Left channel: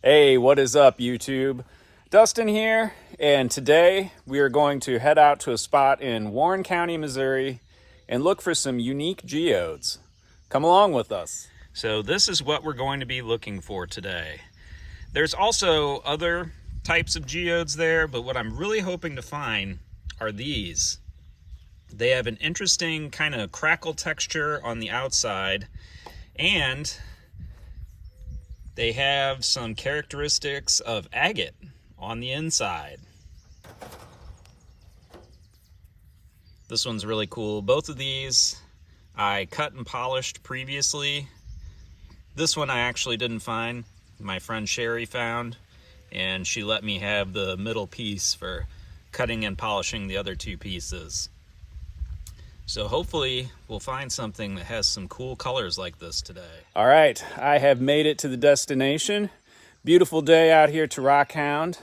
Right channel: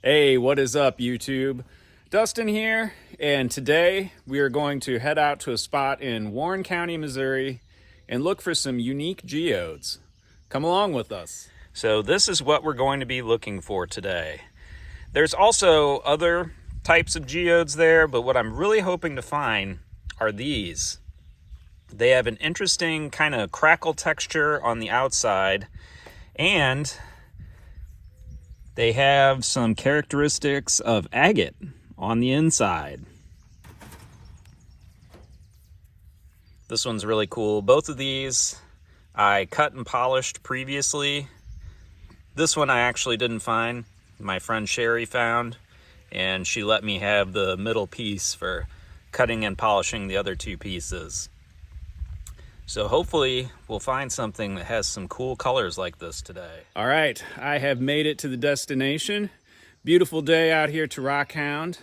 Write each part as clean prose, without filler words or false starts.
Hey, what is up, YouTube? Dustin here, and today we are going to head out to a spot in Warren County, Missouri, and look for some unique geodes. Come along with us. So this is what we're going to be looking for today. There's also other types of geodes there, but what I'm really hoping to find are these. They have an interesting kind of crackle texture on the outside, and they have some characteristics of agate on the inside. This one's really cool. Both of these I cut and polished previously. This one I actually didn't find. My friend Sherry found, and she let me have the middle piece for cutting and polishing the other two pieces. So hopefully we'll find something that has some cool colors like this today. All right, I have made it to the destination. Beautiful day out here to Rockhound.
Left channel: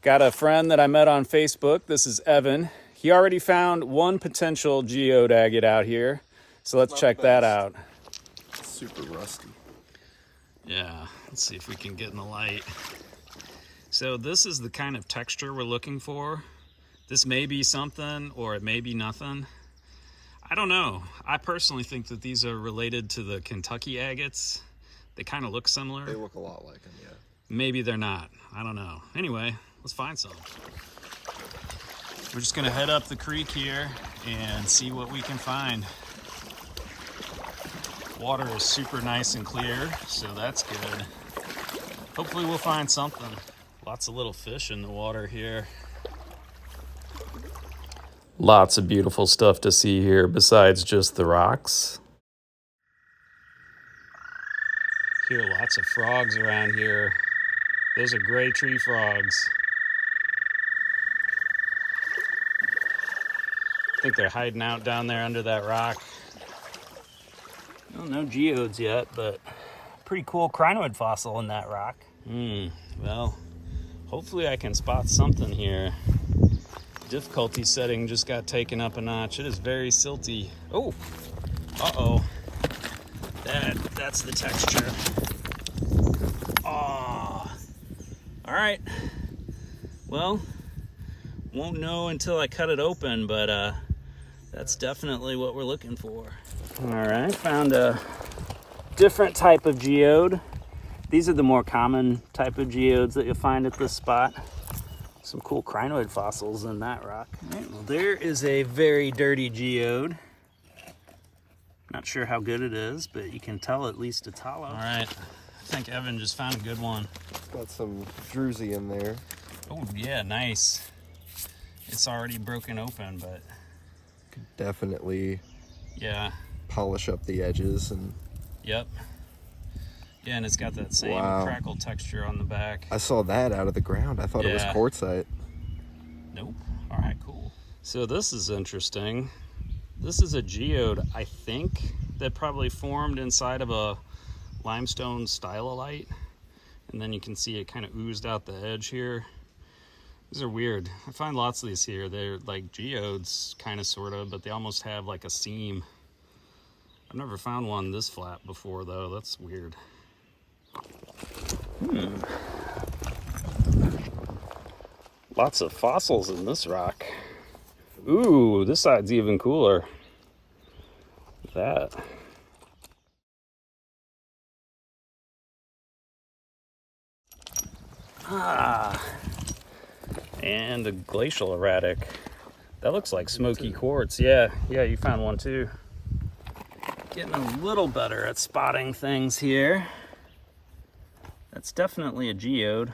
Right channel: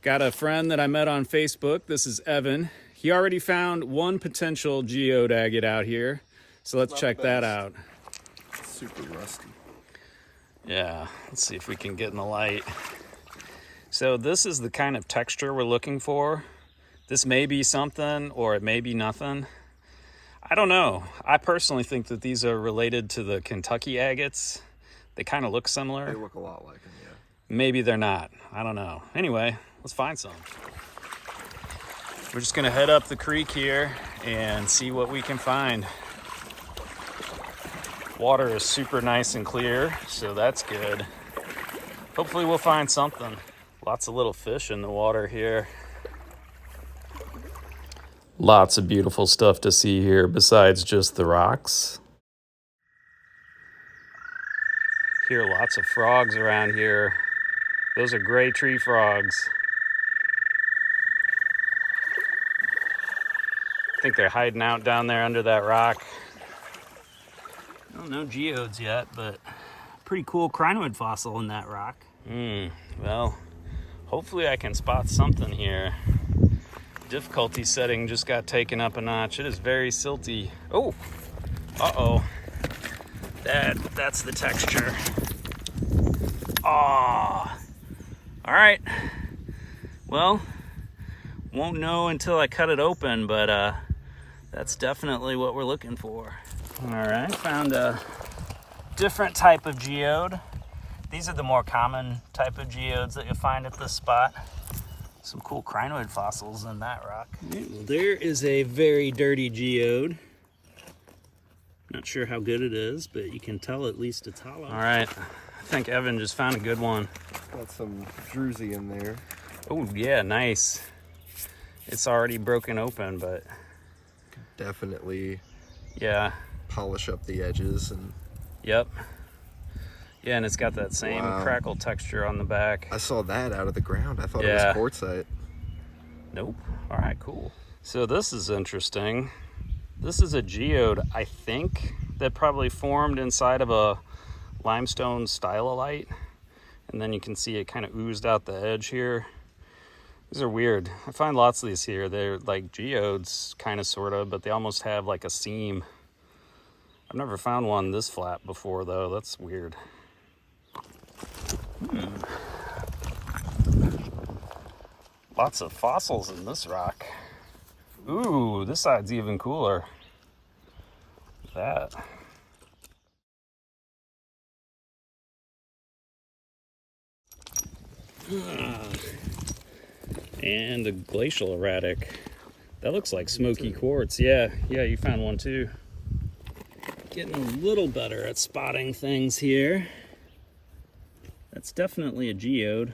Got a friend that I met on Facebook. This is Evan. He already found one potential geode agate out here. So let's check that out. It's super rusty. Yeah, let's see if we can get in the light. So this is the kind of texture we're looking for. This may be something or it may be nothing. I don't know. I personally think that these are related to the Kentucky agates. They kind of look similar. They look a lot like them, yeah. Maybe they're not. I don't know. Anyway, let's find some. We're just gonna head up the creek here and see what we can find. Water is super nice and clear, so that's good. Hopefully we'll find something. Lots of little fish in the water here. Lots of beautiful stuff to see here besides just the rocks. Hear lots of frogs around here. Those are gray tree frogs. I think they're hiding out down there under that rock. No geodes yet, but pretty cool crinoid fossil in that rock. Well, hopefully I can spot something here. Difficulty setting just got taken up a notch. It is very silty. Oh, uh-oh. That's the texture. Ah, all right. Well, won't know until I cut it open, but that's definitely what we're looking for. All right, found a different type of geode. These are the more common type of geodes that you'll find at this spot. Some cool crinoid fossils in that rock. All right, well, there is a very dirty geode. Not sure how good it is, but you can tell at least it's hollow. All right, I think Evan just found a good one. Got some druzy in there. Oh yeah, nice. It's already broken open, but Definitely yeah. polish up the edges. And Yep. Yeah, and it's got that same crackle texture on the back. I saw that out of the ground. I thought it was quartzite. Nope. All right, cool. So this is interesting. This is a geode, I think, that probably formed inside of a limestone stylolite. And then you can see it kind of oozed out the edge here. These are weird. I find lots of these here. They're like geodes, kind of, sort of, but they almost have like a seam. I've never found one this flat before, though. That's weird. Lots of fossils in this rock. Ooh, this side's even cooler. Look at that. And a glacial erratic. That looks like smoky quartz. Yeah, you found one too. Getting a little better at spotting things here. That's definitely a geode.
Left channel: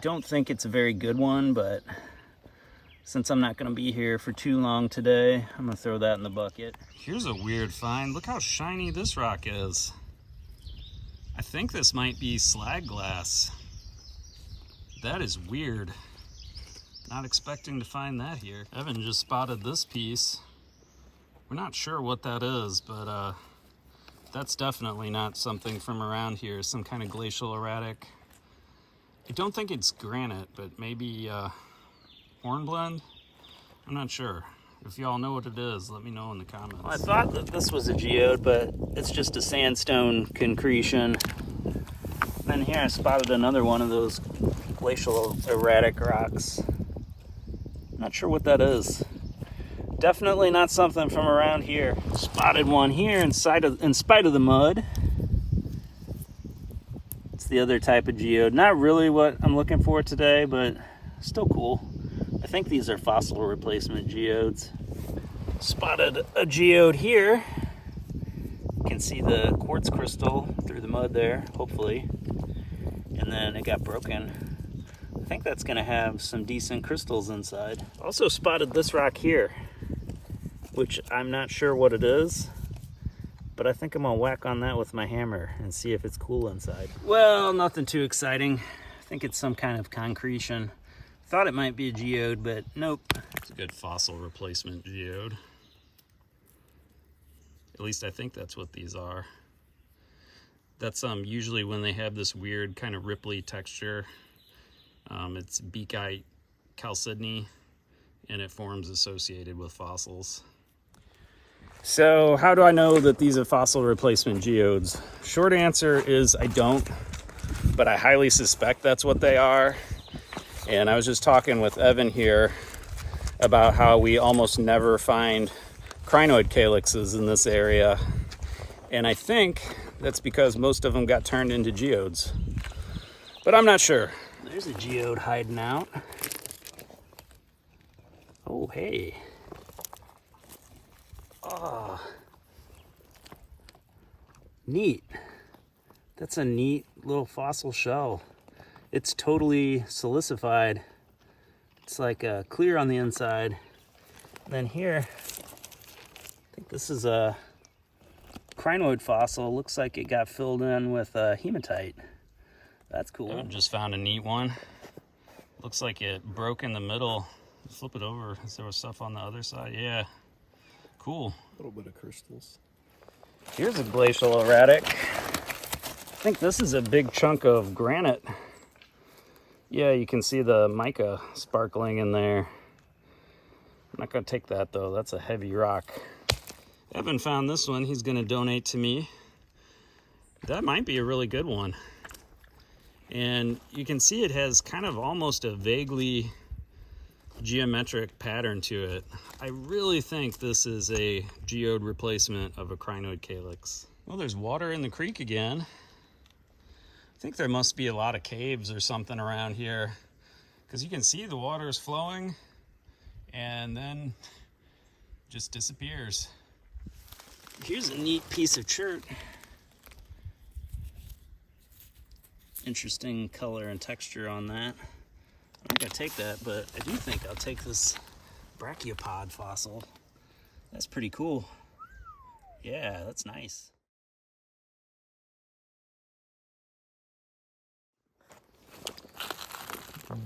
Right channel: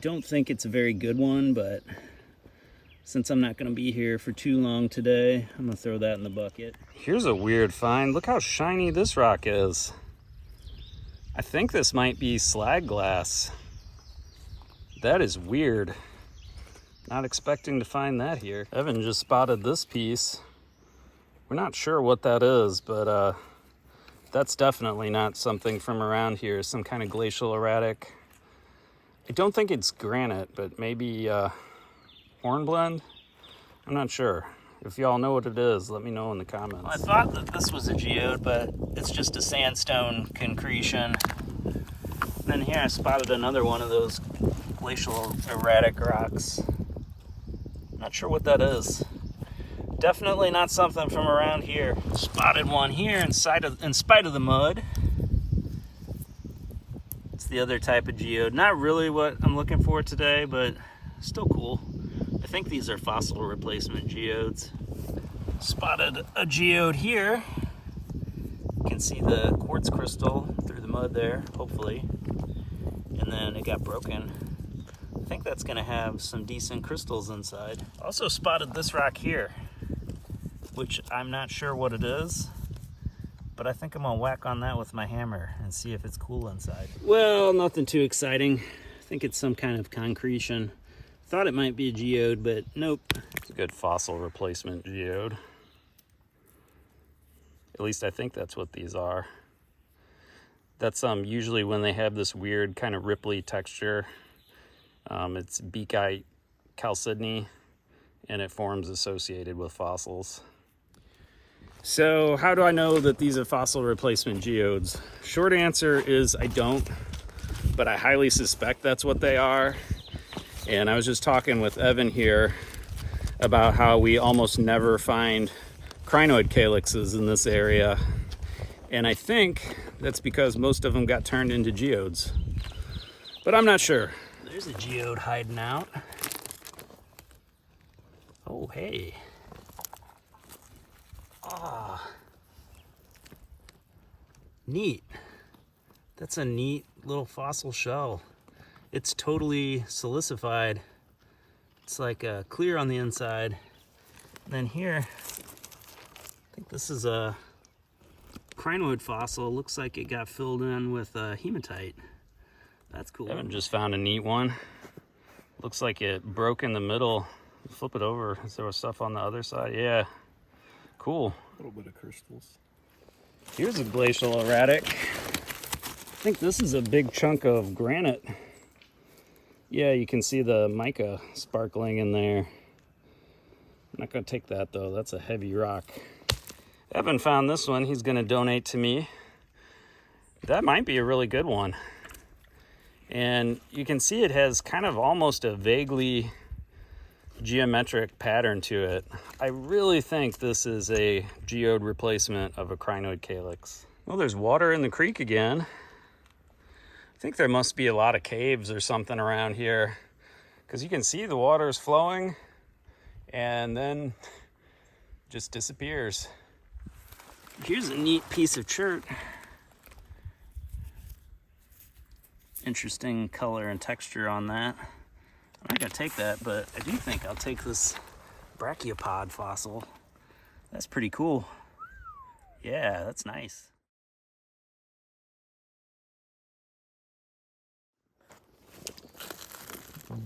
Don't think it's a very good one, but since I'm not going to be here for too long today, I'm going to throw that in the bucket. Here's a weird find. Look how shiny this rock is. I think this might be slag glass. That is weird. Not expecting to find that here. Evan just spotted this piece. We're not sure what that is, but that's definitely not something from around here. Some kind of glacial erratic. I don't think it's granite, but maybe hornblende. I'm not sure. If y'all know what it is, let me know in the comments. I thought that this was a geode, but it's just a sandstone concretion. Then here I spotted another one of those glacial erratic rocks. Not sure what that is. Definitely not something from around here. Spotted one here in spite of the mud. It's the other type of geode. Not really what I'm looking for today, but still cool. I think these are fossil replacement geodes. Spotted a geode here. You can see the quartz crystal through the mud there, hopefully. And then it got broken. I think that's gonna have some decent crystals inside. Also spotted this rock here, which I'm not sure what it is, but I think I'm gonna whack on that with my hammer and see if it's cool inside. Well, nothing too exciting. I think it's some kind of concretion. Thought it might be a geode, but nope. It's a good fossil replacement geode. At least I think that's what these are. That's usually when they have this weird kind of ripply texture. It's beakite chalcedony, and it forms associated with fossils. So how do I know that these are fossil replacement geodes? Short answer is I don't, but I highly suspect that's what they are. And I was just talking with Evan here about how we almost never find crinoid calyxes in this area. And I think that's because most of them got turned into geodes. But I'm not sure. There's a geode hiding out. Oh, hey. Oh. Neat. That's a neat little fossil shell. It's totally silicified. It's like clear on the inside. And then here, I think this is a crinoid fossil. Looks like it got filled in with hematite. That's cool. I just found a neat one. Looks like it broke in the middle. Flip it over. Is there was stuff on the other side? Yeah. Cool. A little bit of crystals. Here's a glacial erratic. I think this is a big chunk of granite. Yeah, you can see the mica sparkling in there. I'm not gonna take that though, that's a heavy rock. Evan found this one, he's gonna donate to me. That might be a really good one. And you can see it has kind of almost a vaguely geometric pattern to it. I really think this is a geode replacement of a crinoid calyx. Well, there's water in the creek again. I think there must be a lot of caves or something around here, because you can see the water is flowing and then just disappears. Here's a neat piece of chert. Interesting color and texture on that. I'm not gonna take that, but I do think I'll take this brachiopod fossil. That's pretty cool. Yeah, that's nice.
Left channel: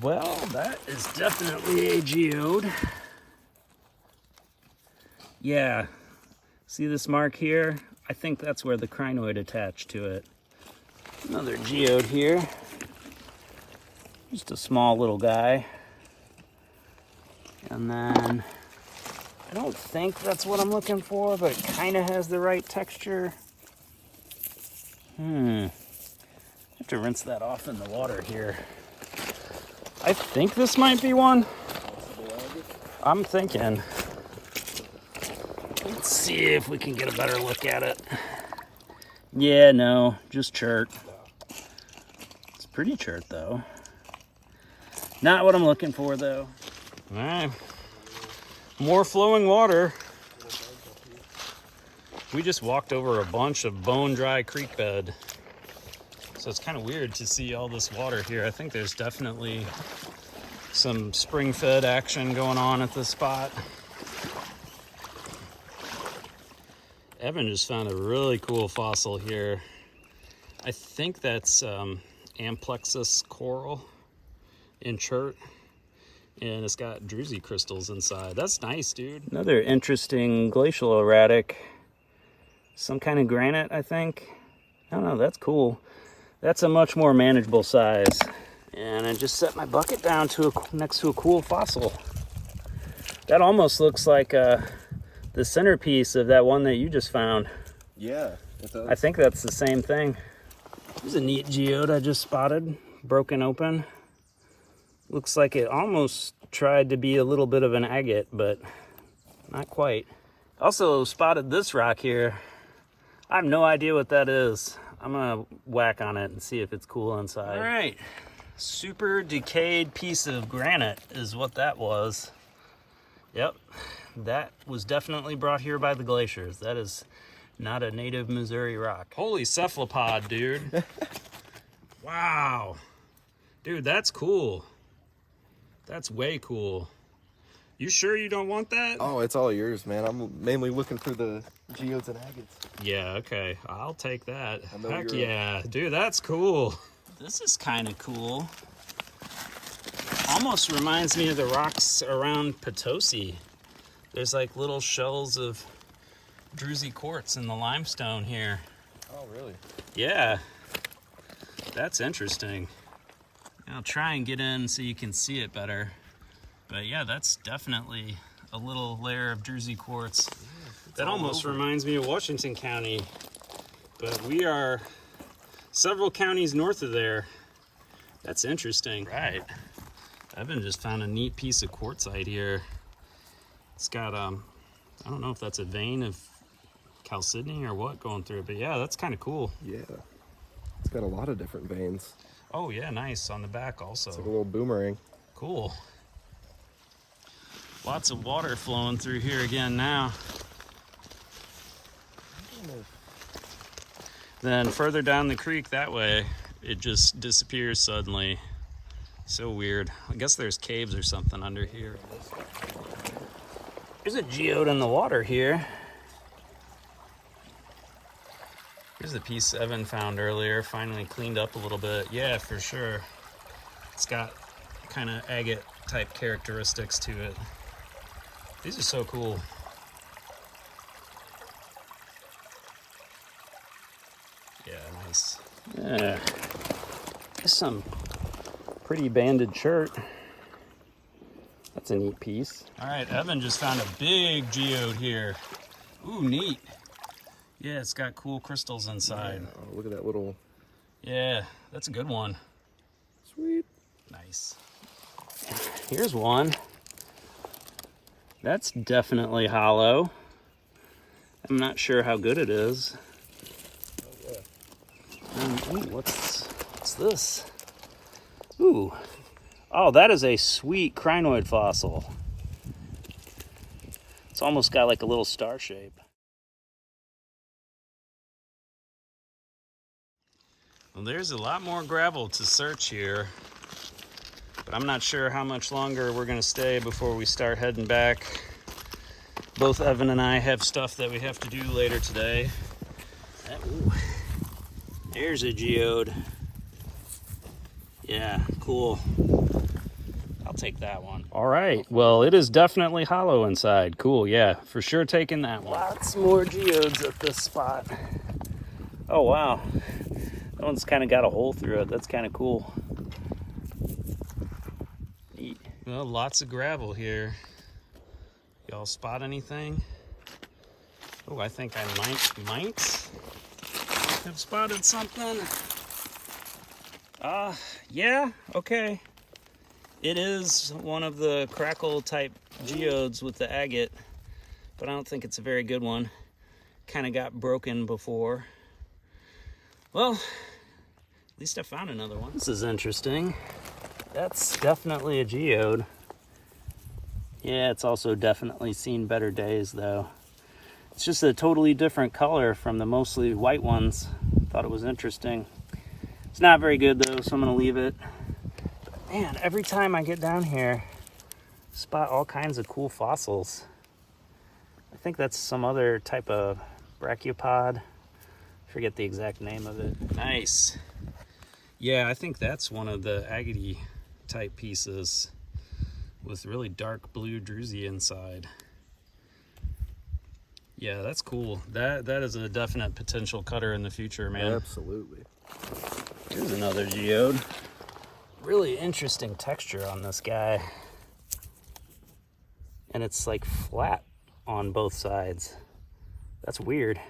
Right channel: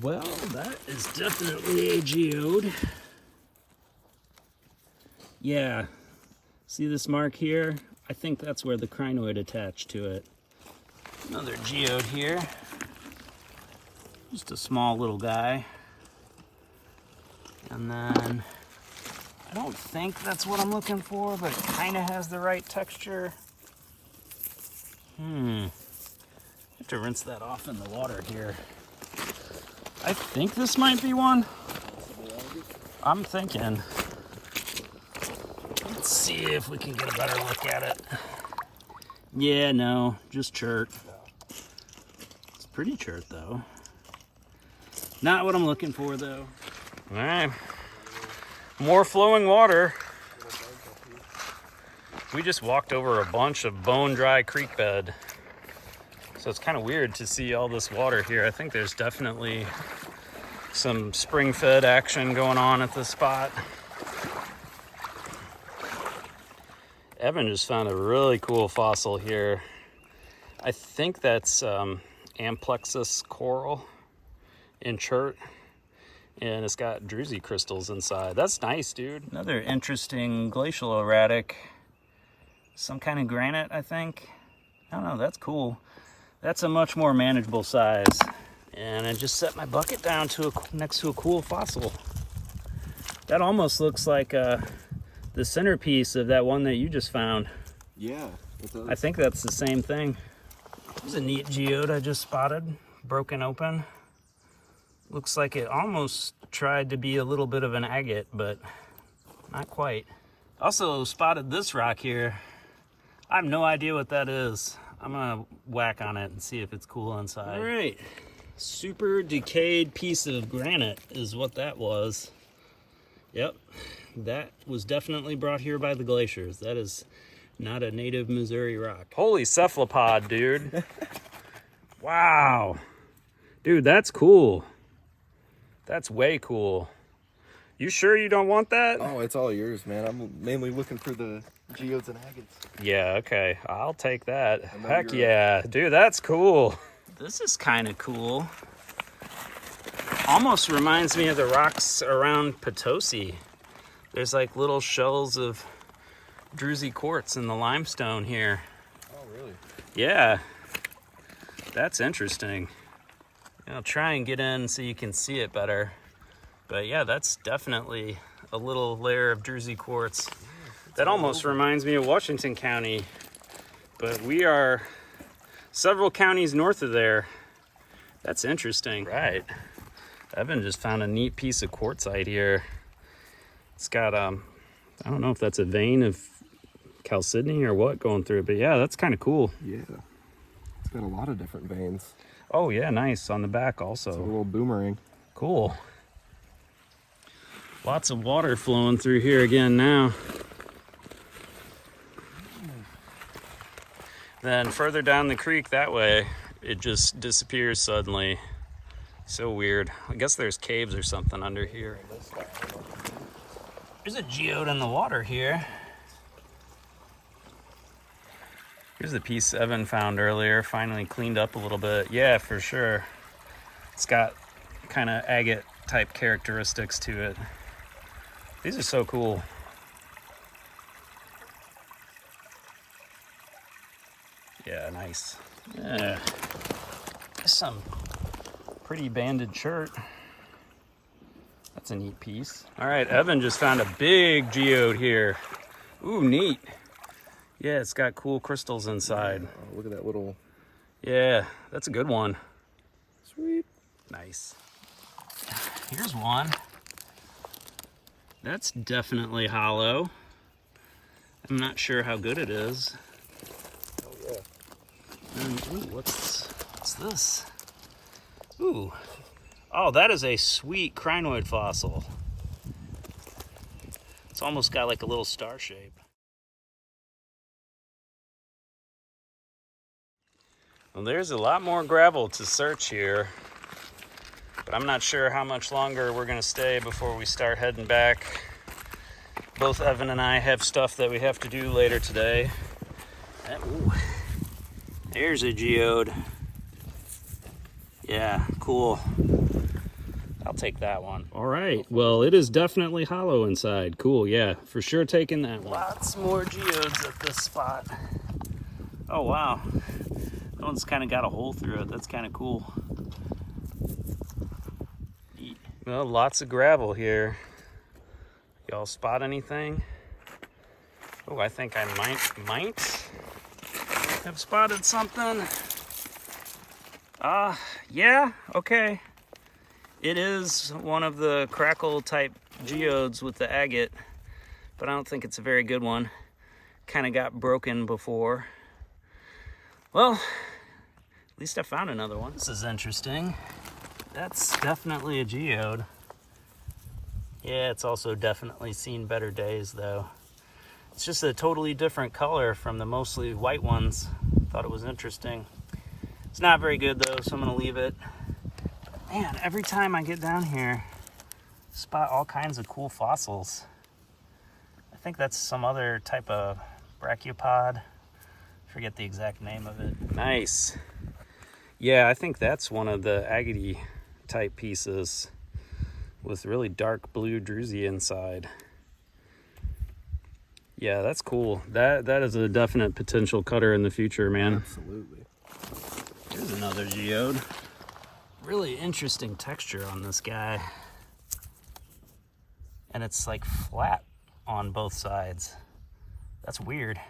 Well, that is definitely a geode. Yeah, see this mark here? I think that's where the crinoid attached to it. Another geode here. Just a small little guy. And then, I don't think that's what I'm looking for, but it kind of has the right texture. I have to rinse that off in the water here. I think this might be one. I'm thinking. Let's see if we can get a better look at it. Yeah, no, just chert. It's pretty chert though. Not what I'm looking for though. All right, more flowing water. We just walked over a bunch of bone dry creek bed. So it's kind of weird to see all this water here. I think there's definitely some spring-fed action going on at this spot. Evan just found a really cool fossil here. I think that's Amplexus coral in chert, and it's got druzy crystals inside. That's nice, dude. Another interesting glacial erratic. Some kind of granite, I think. I don't know, that's cool. That's a much more manageable size. And I just set my bucket down to next to a cool fossil. That almost looks like the centerpiece of that one that you just found. Yeah, it does. I think that's the same thing. Here's a neat geode I just spotted, broken open. Looks like it almost tried to be a little bit of an agate, but not quite. Also spotted this rock here. I have no idea what that is. I'm gonna whack on it and see if it's cool inside. All right, super decayed piece of granite is what that was. Yep, that was definitely brought here by the glaciers. That is not a native Missouri rock. Holy cephalopod, dude. Wow. Dude, that's cool. That's way cool. You sure you don't want that? Oh, it's all yours, man. I'm mainly looking for the geodes and agates. Yeah, okay. I'll take that. Heck yeah. Dude, that's cool. This is kind of cool. Almost reminds me of the rocks around Potosi. There's like little shells of druzy quartz in the limestone here. Oh, really? Yeah. That's interesting. I'll try and get in so you can see it better. But yeah, that's definitely a little layer of druzy quartz. That almost reminds me of Washington County. But we are several counties north of there. That's interesting. Right. Evan just found a neat piece of quartzite here. It's got, I don't know if that's a vein of chalcedony or what going through it, but yeah, that's kind of cool. Yeah. It's got a lot of different veins. Oh yeah, nice. On the back also. It's a little boomerang. Cool. Lots of water flowing through here again now. Then further down the creek that way, it just disappears suddenly. So weird. I guess there's caves or something under here. There's a geode in the water here. Here's the piece Evan found earlier, finally cleaned up a little bit. Yeah, for sure. It's got kind of agate type characteristics to it. These are so cool. Yeah, nice. Yeah. Just some pretty banded shirt. That's a neat piece. All right, Evan just found a big geode here. Ooh, neat. Yeah, it's got cool crystals inside. Yeah, oh, look at that little... Yeah, that's a good one. Sweet. Nice. Here's one. That's definitely hollow. I'm not sure how good it is. Oh, yeah. Ooh, what's this? Ooh. Oh, that is a sweet crinoid fossil. It's almost got like a little star shape. Well, there's a lot more gravel to search here, but I'm not sure how much longer we're gonna stay before we start heading back. Both Evan and I have stuff that we have to do later today. Ooh, there's a geode. Yeah, cool. I'll take that one. All right, well, it is definitely hollow inside. Cool, yeah, for sure taking that one. Lots more geodes at this spot. Oh, wow. That one's kind of got a hole through it. That's kind of cool. Neat. Well, lots of gravel here. Y'all spot anything? Oh, I think I might have spotted something. Yeah, okay. It is one of the crackle type geodes with the agate, but I don't think it's a very good one. Kind of got broken before. Well, at least I found another one. This is interesting. That's definitely a geode. Yeah, it's also definitely seen better days though. It's just a totally different color from the mostly white ones. Thought it was interesting. It's not very good though, so I'm gonna leave it. But man, every time I get down here, I spot all kinds of cool fossils. I think that's some other type of brachiopod. Forget the exact name of it. Nice. Yeah, I think that's one of the agate type pieces with really dark blue druzy inside. Yeah, that's cool. That is a definite potential cutter in the future, man. Absolutely. Here's another geode. Really interesting texture on this guy. And it's like flat on both sides. That's weird.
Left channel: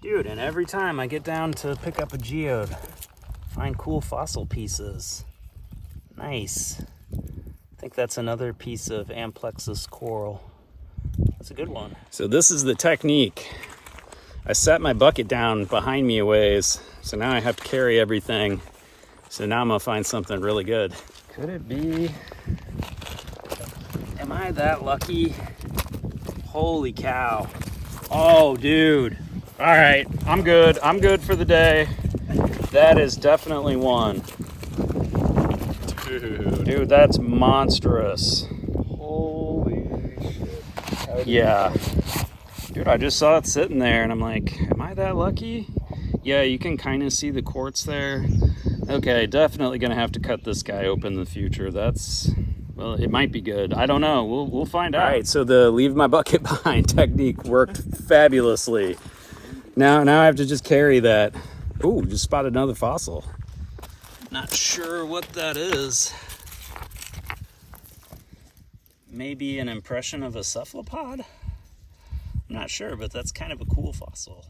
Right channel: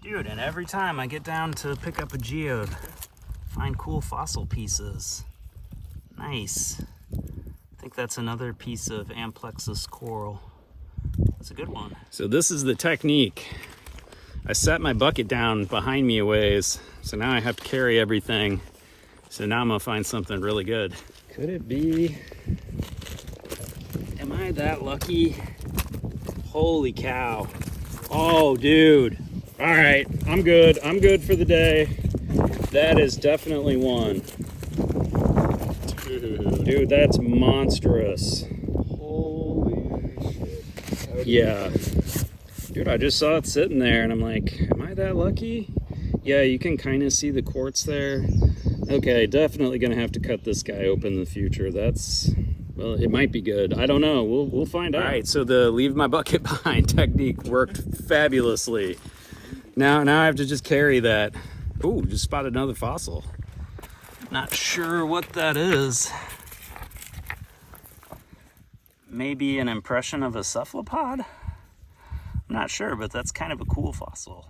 Dude, and every time I get down to pick up a geode, find cool fossil pieces. Nice. I think that's another piece of amplexus coral. That's a good one. So this is the technique. I set my bucket down behind me a ways, so now I have to carry everything. So now I'm gonna find something really good. Could it be? Am I that lucky? Holy cow. Oh, dude. All right, I'm good. I'm good for the day. That is definitely one. Dude, that's monstrous. Holy shit. Yeah. Dude, I just saw it sitting there and I'm like, am I that lucky? Yeah, you can kind of see the quartz there. Okay, definitely gonna have to cut this guy open in the future. That's, well, it might be good. I don't know. We'll find out. All right, so the leave my bucket behind technique worked fabulously. Now I have to just carry that. Ooh, just spotted another fossil. Not sure what that is. Maybe an impression of a cephalopod? I'm not sure, but that's kind of a cool fossil.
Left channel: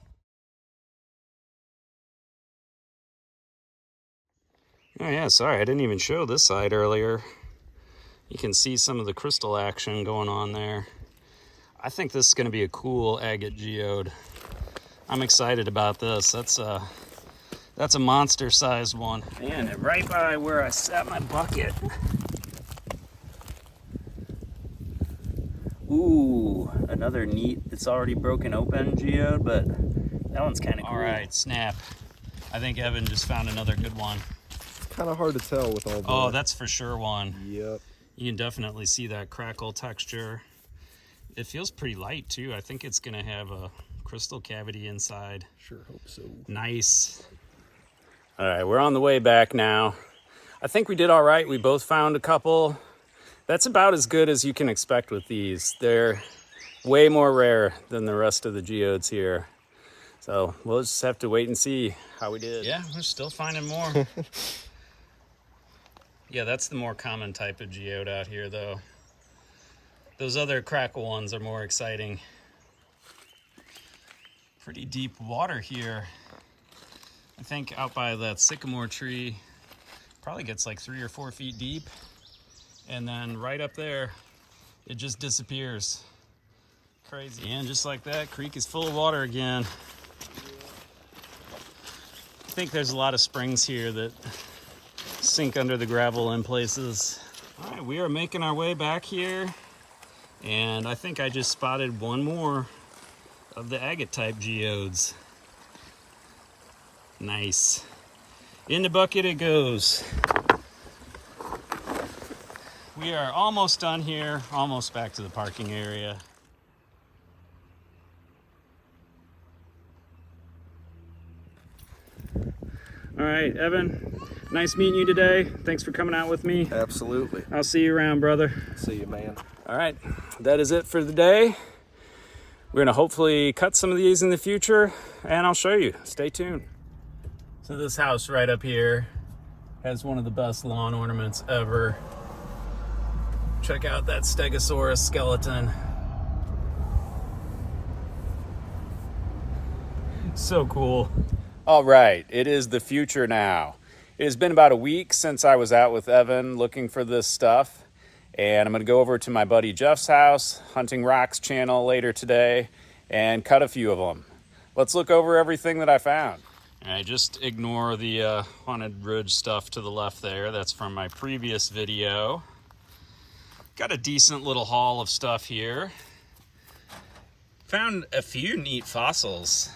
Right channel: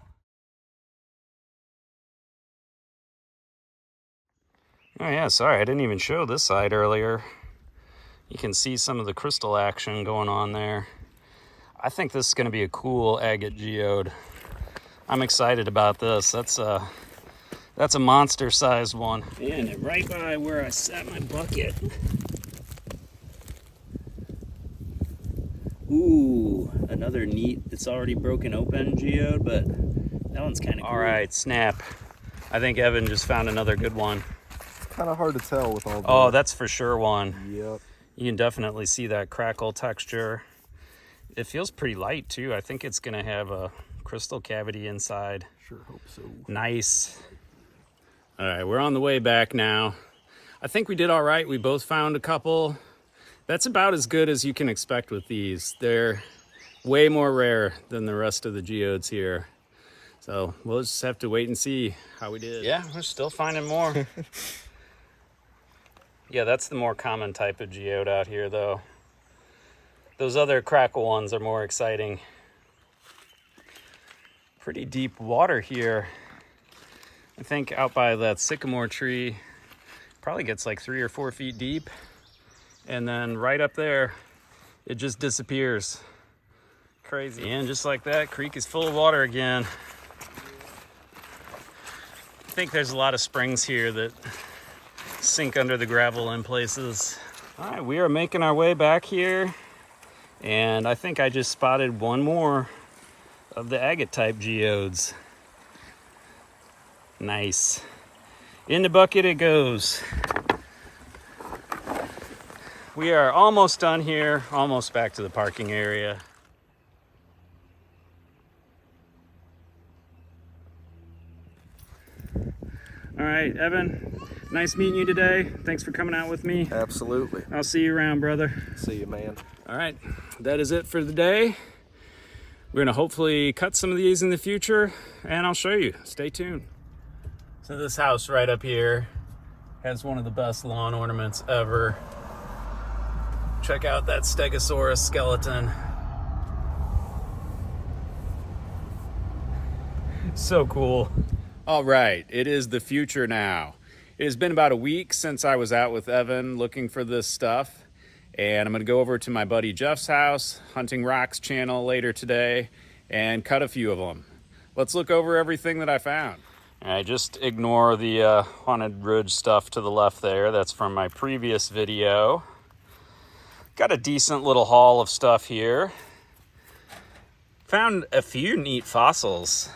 Oh yeah, sorry, I didn't even show this side earlier. You can see some of the crystal action going on there. I think this is gonna be a cool agate geode. I'm excited about this. That's a monster-sized one. Man, and right by where I set my bucket. Ooh, another neat, it's already broken open geode, but that one's kind of cool. All right, snap. I think Evan just found another good one. Kind of hard to tell with all the... Oh, that's for sure one. Yep. You can definitely see that crackle texture. It feels pretty light too. I think it's gonna have a crystal cavity inside. Sure hope so. Nice. All right, we're on the way back now. I think we did all right. We both found a couple. That's about as good as you can expect with these. They're way more rare than the rest of the geodes here. So we'll just have to wait and see how we did. Yeah, we're still finding more. Yeah, that's the more common type of geode out here though. Those other crackle ones are more exciting. Pretty deep water here. I think out by that sycamore tree, probably gets like 3 or 4 feet deep. And then right up there, it just disappears. Crazy. And just like that, creek is full of water again. I think there's a lot of springs here that sink under the gravel in places. All right, we are making our way back here. And I think I just spotted one more of the agate type geodes. Nice. In the bucket it goes. We are almost done here, almost back to the parking area. All right, Evan, nice meeting you today. Thanks for coming out with me. Absolutely. I'll see you around, brother. See you, man. All right, that is it for the day. We're gonna hopefully cut some of these in the future and I'll show you. Stay tuned. So this house right up here has one of the best lawn ornaments ever. Check out that Stegosaurus skeleton. So cool. All right, it is the future now. It has been about a week since I was out with Evan looking for this stuff. And I'm gonna go over to my buddy Jeff's house, Hunting Rocks channel later today, and cut a few of them. Let's look over everything that I found. All right, just ignore the Haunted Ridge stuff to the left there. That's from my previous video. Got a decent little haul of stuff here. Found a few neat fossils.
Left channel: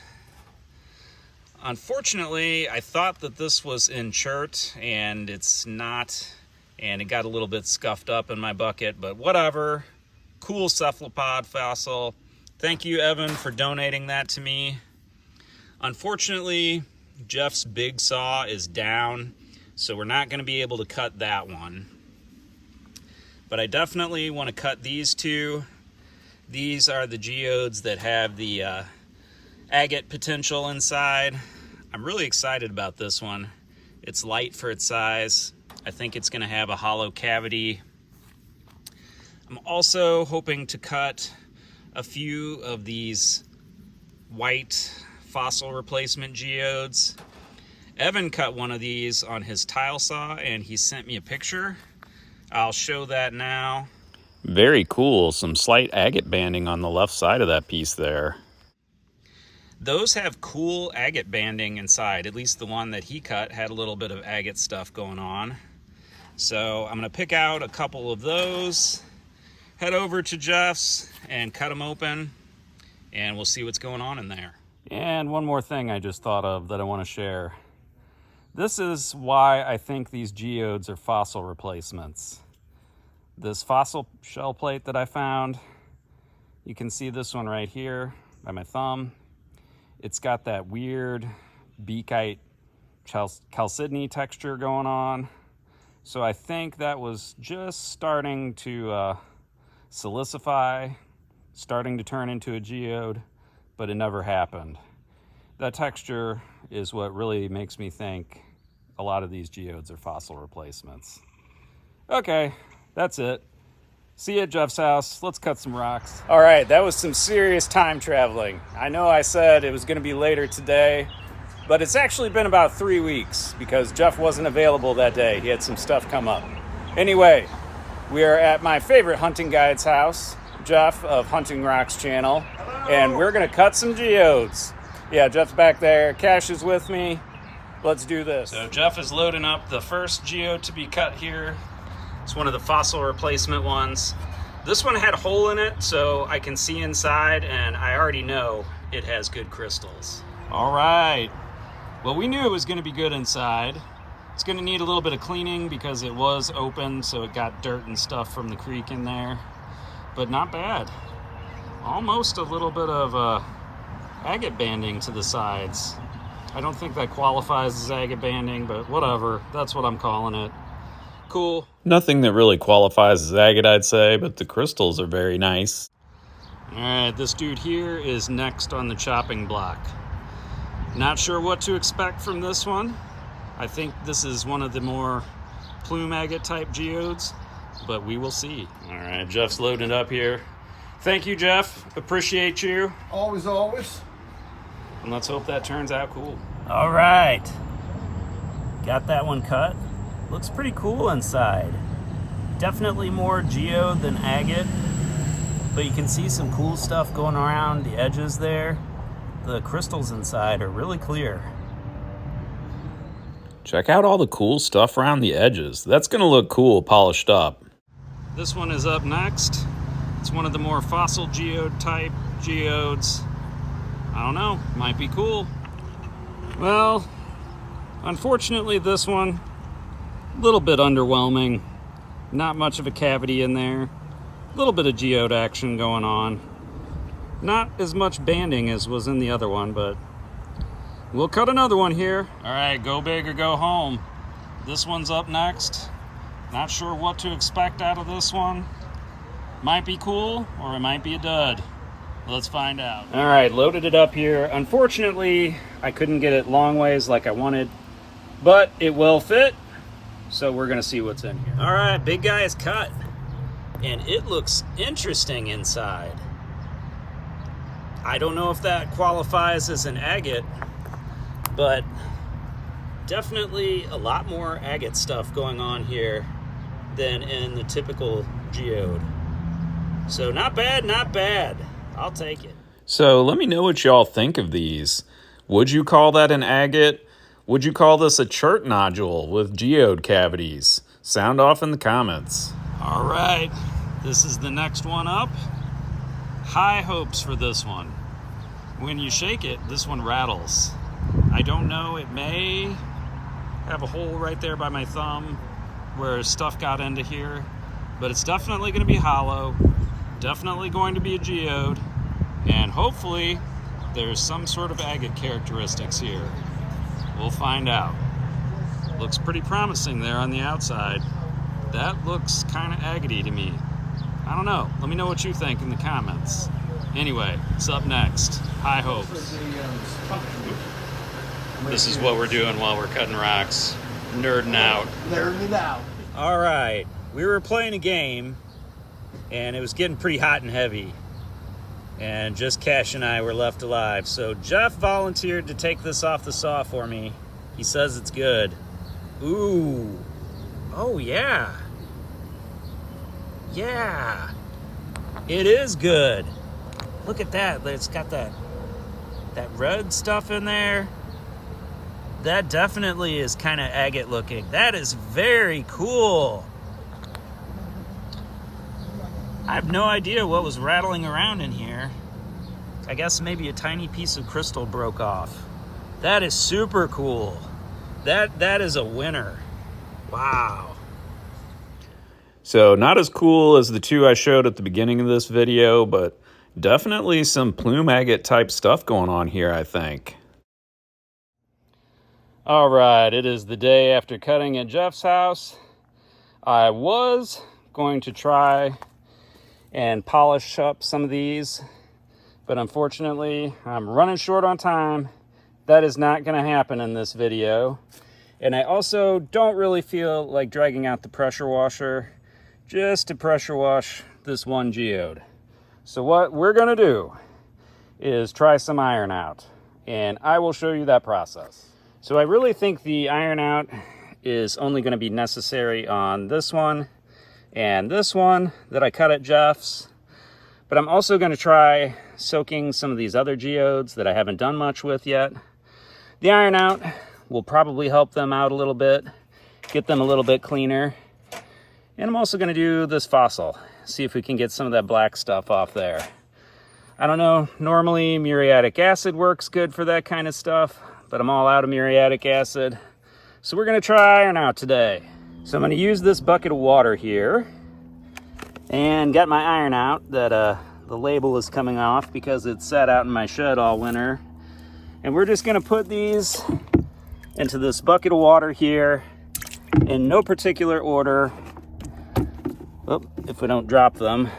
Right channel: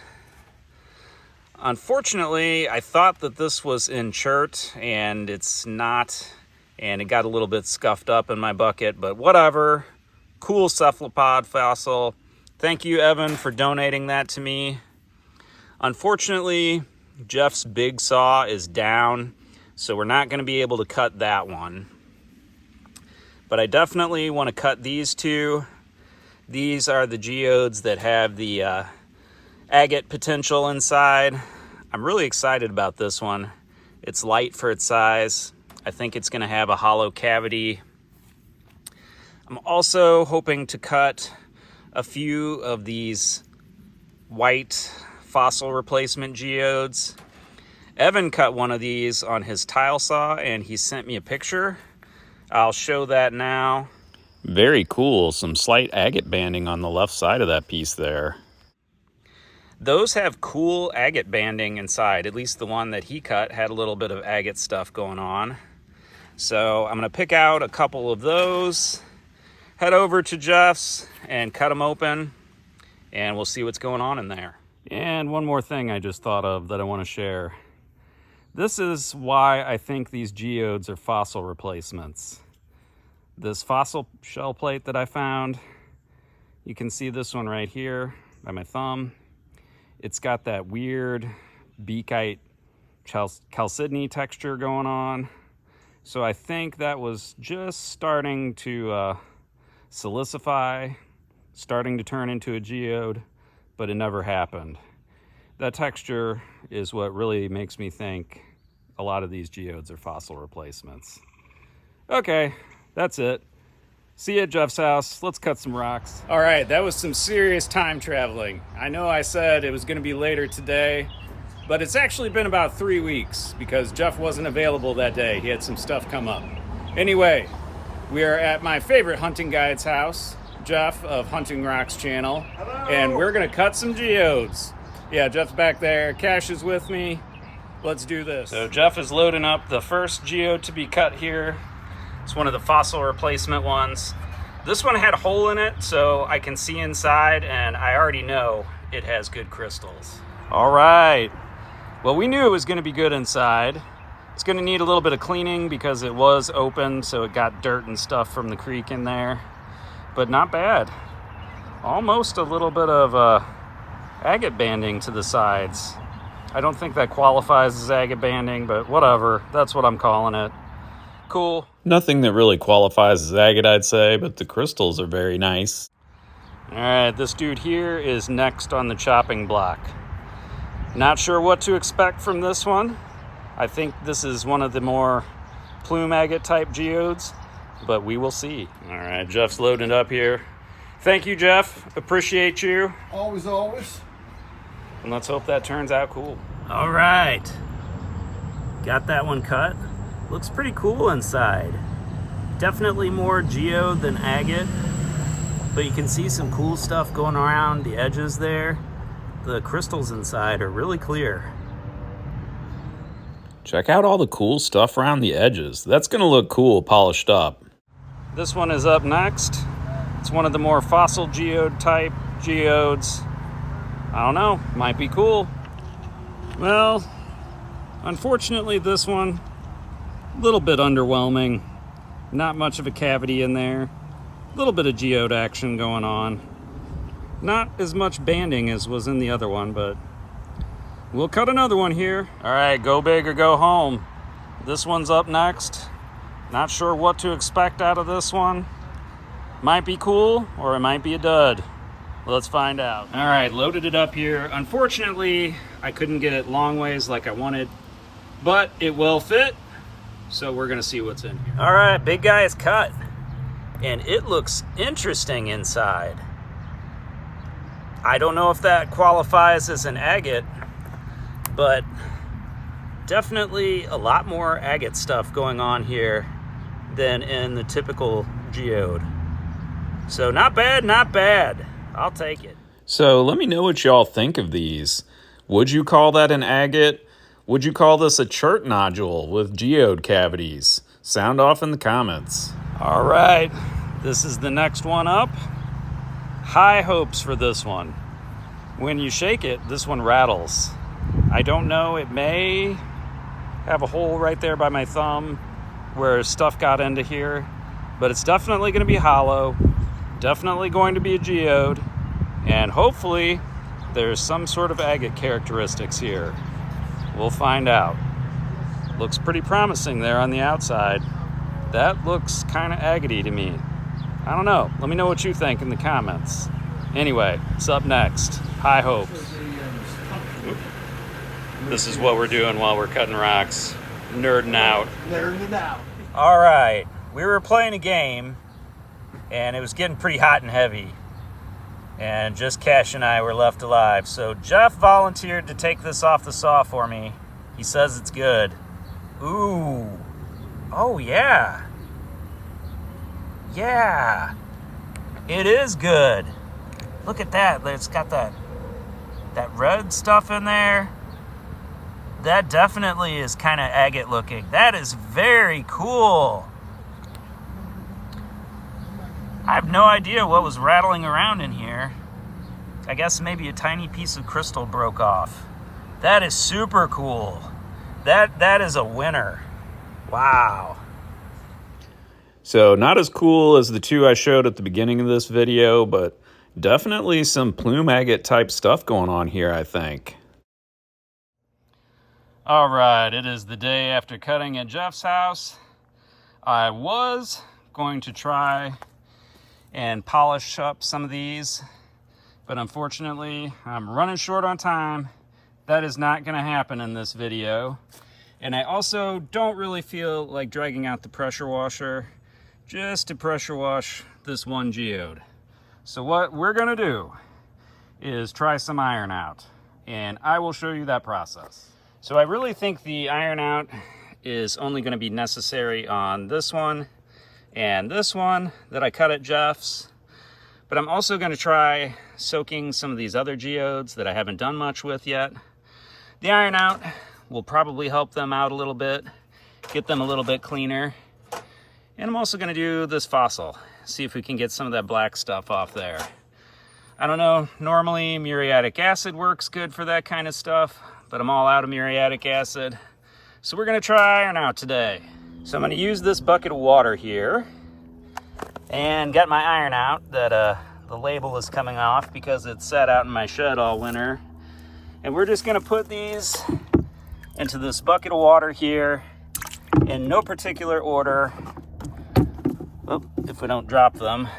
Unfortunately, I thought that this was in chert and it's not, and it got a little bit scuffed up in my bucket, but whatever. Cool cephalopod fossil. Thank you, Evan, for donating that to me. Unfortunately, Jeff's big saw is down, so we're not gonna be able to cut that one. But I definitely want to cut these two. These are the geodes that have the agate potential inside. I'm really excited about this one. It's light for its size. I think it's gonna have a hollow cavity. I'm also hoping to cut a few of these white fossil replacement geodes. Evan cut one of these on his tile saw and he sent me a picture. I'll show that now. Very cool. Some slight agate banding on the left side of that piece there. Those have cool agate banding inside. At least the one that he cut had a little bit of agate stuff going on. So I'm going to pick out a couple of those, head over to Jeff's and cut them open, and we'll see what's going on in there. And one more thing I just thought of that I want to share. This is why I think these geodes are fossil replacements. This fossil shell plate that I found, you can see this one right here by my thumb. It's got that weird beakite chalcedony texture going on. So I think that was just starting to silicify, starting to turn into a geode, but it never happened. That texture is what really makes me think a lot of these geodes are fossil replacements. Okay, that's it. See you at Jeff's house. Let's cut some rocks. All right, that was some serious time traveling. I know I said it was going to be later today, but it's actually been about 3 weeks because Jeff wasn't available that day. He had some stuff come up. Anyway, we are at my favorite hunting guide's house, Jeff of Hunting Rocks channel. Hello. And we're going to cut some geodes. Yeah, Jeff's back there. Cash is with me. Let's do this. So Jeff is loading up the first geode to be cut here. It's one of the fossil replacement ones. This one had a hole in it, so I can see inside, and I already know it has good crystals. All right. Well, we knew it was going to be good inside. It's going to need a little bit of cleaning because it was open, so it got dirt and stuff from the creek in there. But not bad. Almost a little bit of agate banding to the sides. I don't think that qualifies as agate banding, but whatever. That's what I'm calling it. Cool. Nothing that really qualifies as agate, I'd say, but the crystals are very nice. All right, this dude here is next on the chopping block. Not sure what to expect from this one. I think this is one of the more Plume Agate type geodes, but we will see. All right, Jeff's loading up here. Thank you, Jeff. Appreciate you. Always, always. And let's hope that turns out cool. All right. Got that one cut. Looks pretty cool inside. Definitely more geode than agate, but you can see some cool stuff going around the edges there. The crystals inside are really clear. Check out all the cool stuff around the edges. That's gonna look cool polished up. This one is up next. It's one of the more fossil geode type geodes. I don't know, might be cool. Well, unfortunately this one, a little bit underwhelming. Not much of a cavity in there. A little bit of geode action going on. Not as much banding as was in the other one, but we'll cut another one here. All right, go big or go home. This one's up next. Not sure what to expect out of this one. Might be cool or it might be a dud. Let's find out. All right, loaded it up here. Unfortunately, I couldn't get it long ways like I wanted, but it will fit. So we're gonna see what's in here. All right, big guy is cut. And it looks interesting inside. I don't know if that qualifies as an agate, but definitely a lot more agate stuff going on here than in the typical geode. So not bad, not bad. I'll take it. So let me know what y'all think of these. Would you call that an agate? Would you call this a chert nodule with geode cavities? Sound off in the comments. All right, this is the next one up. High hopes for this one. When you shake it, this one rattles. I don't know, it may have a hole right there by my thumb where stuff got into here, but it's definitely going to be hollow, definitely going to be a geode, and hopefully there's some sort of agate characteristics here. We'll find out. Looks pretty promising there on the outside. That looks kind of agate-y to me. I don't know. Let me know what you think in the comments. Anyway, it's up next. High hopes. This is what we're doing while we're cutting rocks. Nerding out. Nerding it out. All right. We were playing a game, and it was getting pretty hot and heavy. And just Cash and I were left alive. So Jeff volunteered to take this off the saw for me. He says it's good. Ooh. Oh, yeah. Yeah. It is good. Look at that. It's got that red stuff in there. That definitely is kind of agate looking. That is very cool. I have no idea what was rattling around in here. I guess maybe a tiny piece of crystal broke off. That is super cool. That is a winner. Wow. So not as cool as the two I showed at the beginning of this video, but definitely some plume agate type stuff going on here, I think. All right, it is the day after cutting at Jeff's house. I was going to try and polish up some of these, but unfortunately I'm running short on time. That is not going to happen in this video. And I also don't really feel like dragging out the pressure washer just to pressure wash this one geode. So what we're going to do is try some iron out, and I will show you that process. So I really think the iron out is only going to be necessary on this one and this one that I cut at Jeff's. But I'm also going to try soaking some of these other geodes that I haven't done much with yet. The iron out will probably help them out a little bit, get them a little bit cleaner. And I'm also going to do this fossil, see if we can get some of that black stuff off there. I don't know, normally muriatic acid works good for that kind of stuff, but I'm all out of muriatic acid. So we're going to try iron out today. So I'm going to use this bucket of water here, and got my iron out that the label is coming off because it sat out in my shed all winter. And we're just going to put these into this bucket of water here in no particular order. If we don't drop them.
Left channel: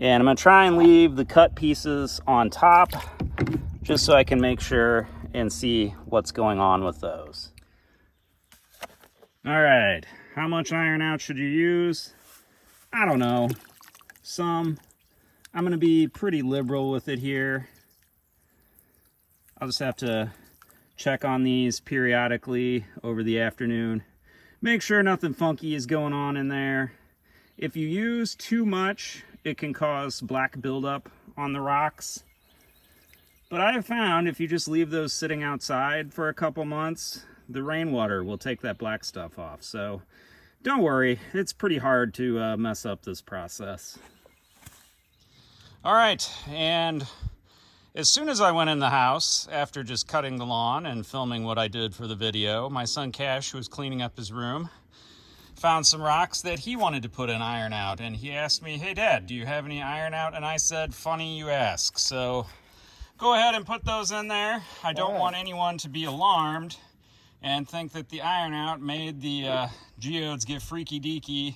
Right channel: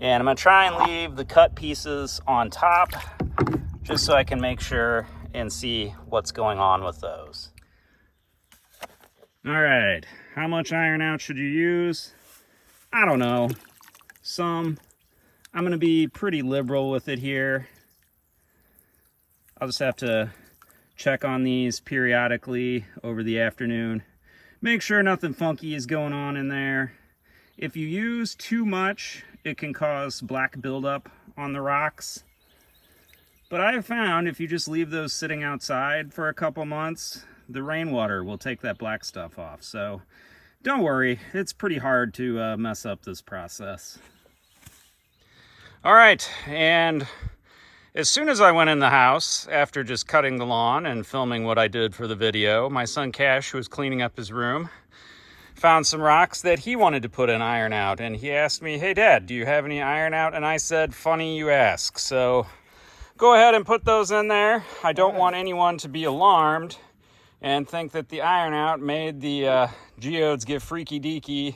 And I'm going to try and leave the cut pieces on top just so I can make sure and see what's going on with those. All right, how much iron out should you use? I don't know, some. I'm going to be pretty liberal with it here. I'll just have to check on these periodically over the afternoon. Make sure nothing funky is going on in there. If you use too much, it can cause black buildup on the rocks. But I have found if you just leave those sitting outside for a couple months, the rainwater will take that black stuff off. So don't worry, it's pretty hard to mess up this process. All right, and as soon as I went in the house, after just cutting the lawn and filming what I did for the video, my son Cash, who was cleaning up his room, found some rocks that he wanted to put in iron out. And he asked me, hey Dad, do you have any iron out? And I said, funny you ask. So go ahead and put those in there. I don't want anyone to be alarmed and think that the iron out made the geodes get freaky deaky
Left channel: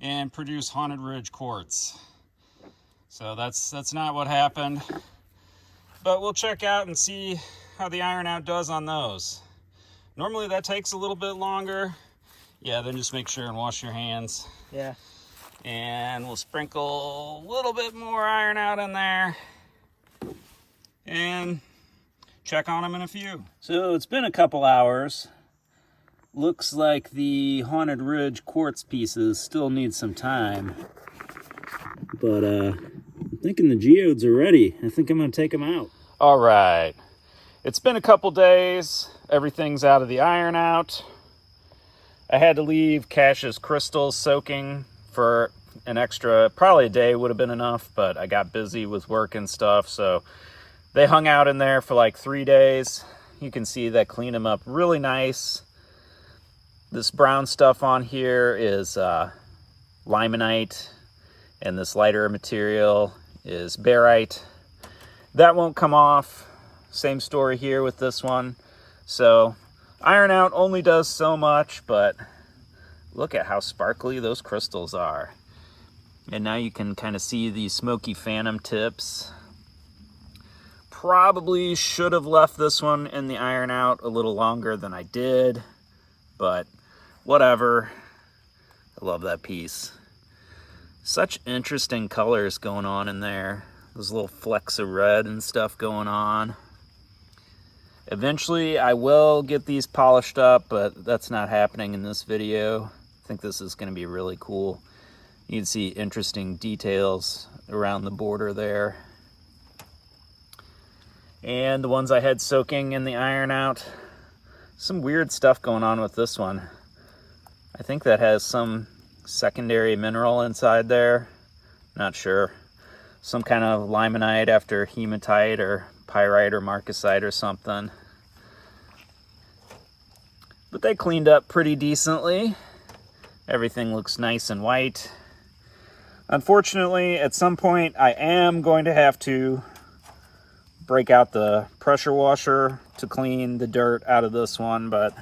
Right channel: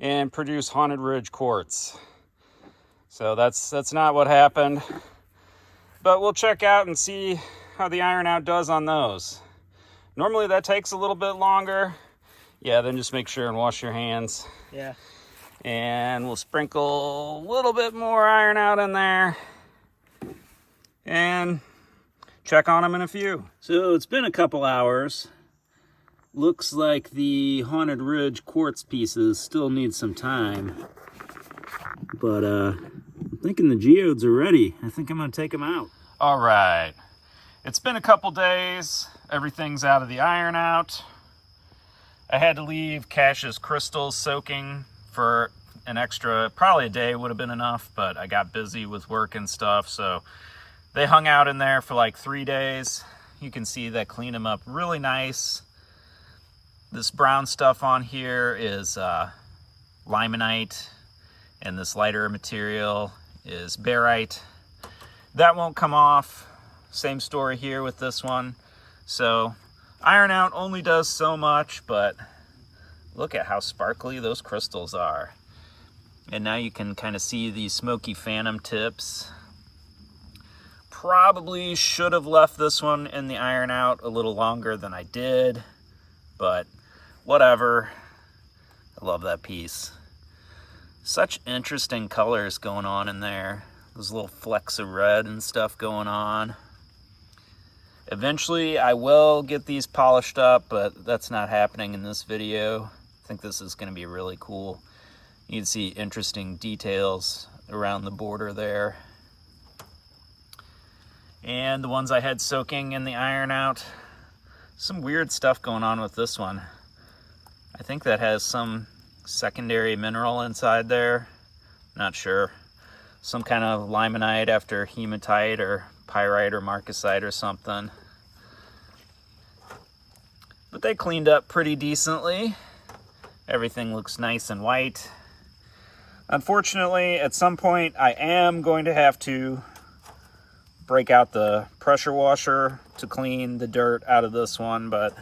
and produce Haunted Ridge quartz. So that's not what happened. But we'll check out and see how the iron out does on those. Normally that takes a little bit longer. Yeah, then just make sure and wash your hands. Yeah. And we'll sprinkle a little bit more iron out in there and check on them in a few. So it's been a couple hours. Looks like the Haunted Ridge quartz pieces still need some time. But I'm thinking the geodes are ready. I think I'm gonna take them out. All right, it's been a couple days. Everything's out of the iron out. I had to leave Cash's crystals soaking for an extra, probably a day would have been enough, but I got busy with work and stuff, so they hung out in there for like 3 days. You can see that cleaned them up really nice. This brown stuff on here is limonite, and this lighter material is barite. That won't come off. Same story here with this one. So iron out only does so much, but look at how sparkly those crystals are. And now you can kind of see these smoky phantom tips. Probably should have left this one in the iron out a little longer than I did, but whatever. I love that piece. Such interesting colors going on in there. Those little flecks of red and stuff going on. Eventually I will get these polished up, but that's not happening in this video. I think this is going to be really cool. You can see interesting details around the border there. And the ones I had soaking in the iron out, some weird stuff going on with this one. I think that has some secondary mineral inside there. Not sure. Some kind of limonite after hematite or pyrite or marcasite or something. But they cleaned up pretty decently. Everything looks nice and white. Unfortunately, at some point I am going to have to break out the pressure washer to clean the dirt out of this one, but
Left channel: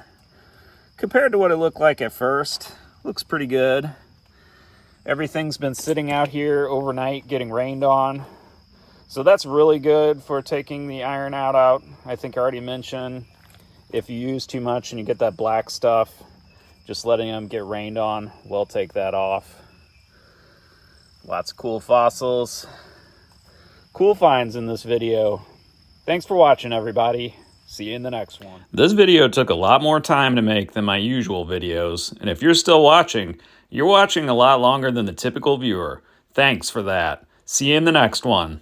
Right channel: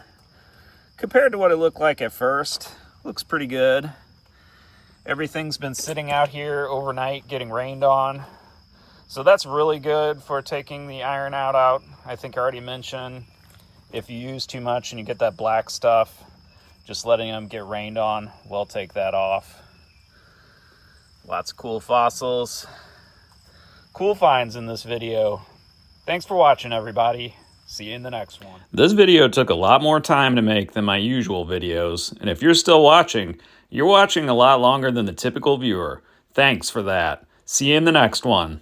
compared to what it looked like at first, looks pretty good. Everything's been sitting out here overnight getting rained on, so that's really good for taking the iron out. I think I already mentioned, if you use too much and you get that black stuff, just letting them get rained on will take that off. Lots of cool fossils, cool finds in this video. Thanks for watching, everybody. See you in the next one. This video took a lot more time to make than my usual videos, and if you're still watching, you're watching a lot longer than the typical viewer. Thanks for that. See you in the next one.